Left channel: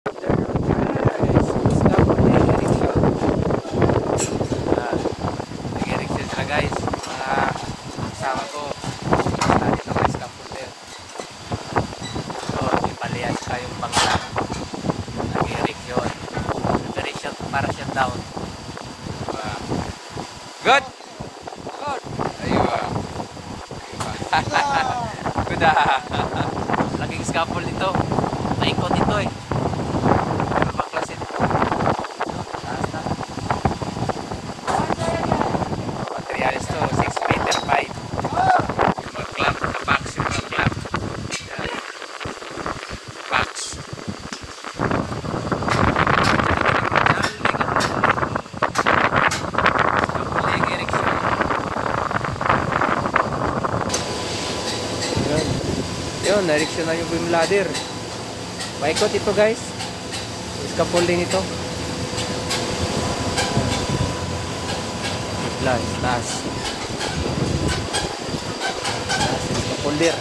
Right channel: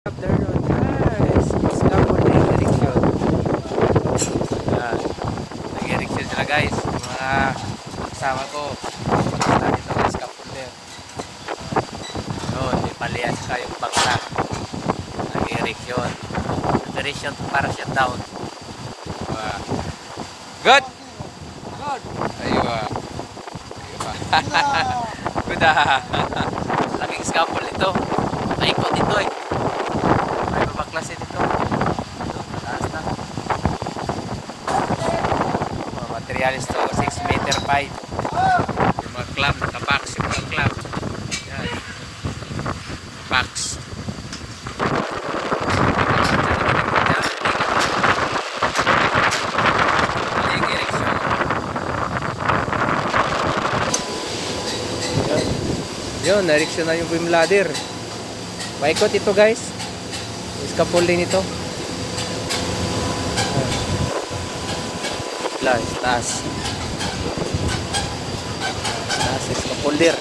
Nag-erection sila guys, mga kasama ko dito ng scaffolder. May palian kayong bangla. Nag-erection para shut down. Good! Ayun. Good laking scaffold ito. Naikot ito eh. Ay mabaklasin ito. Taas na. Materialis to 6 meter pipe. Yung mga clamp, nakapax yung mga clamp. Pax. Yun, na-erection na yung beam ladder. Maikot ito guys. Scaffolding ito. Taas. Taas, scaffolder.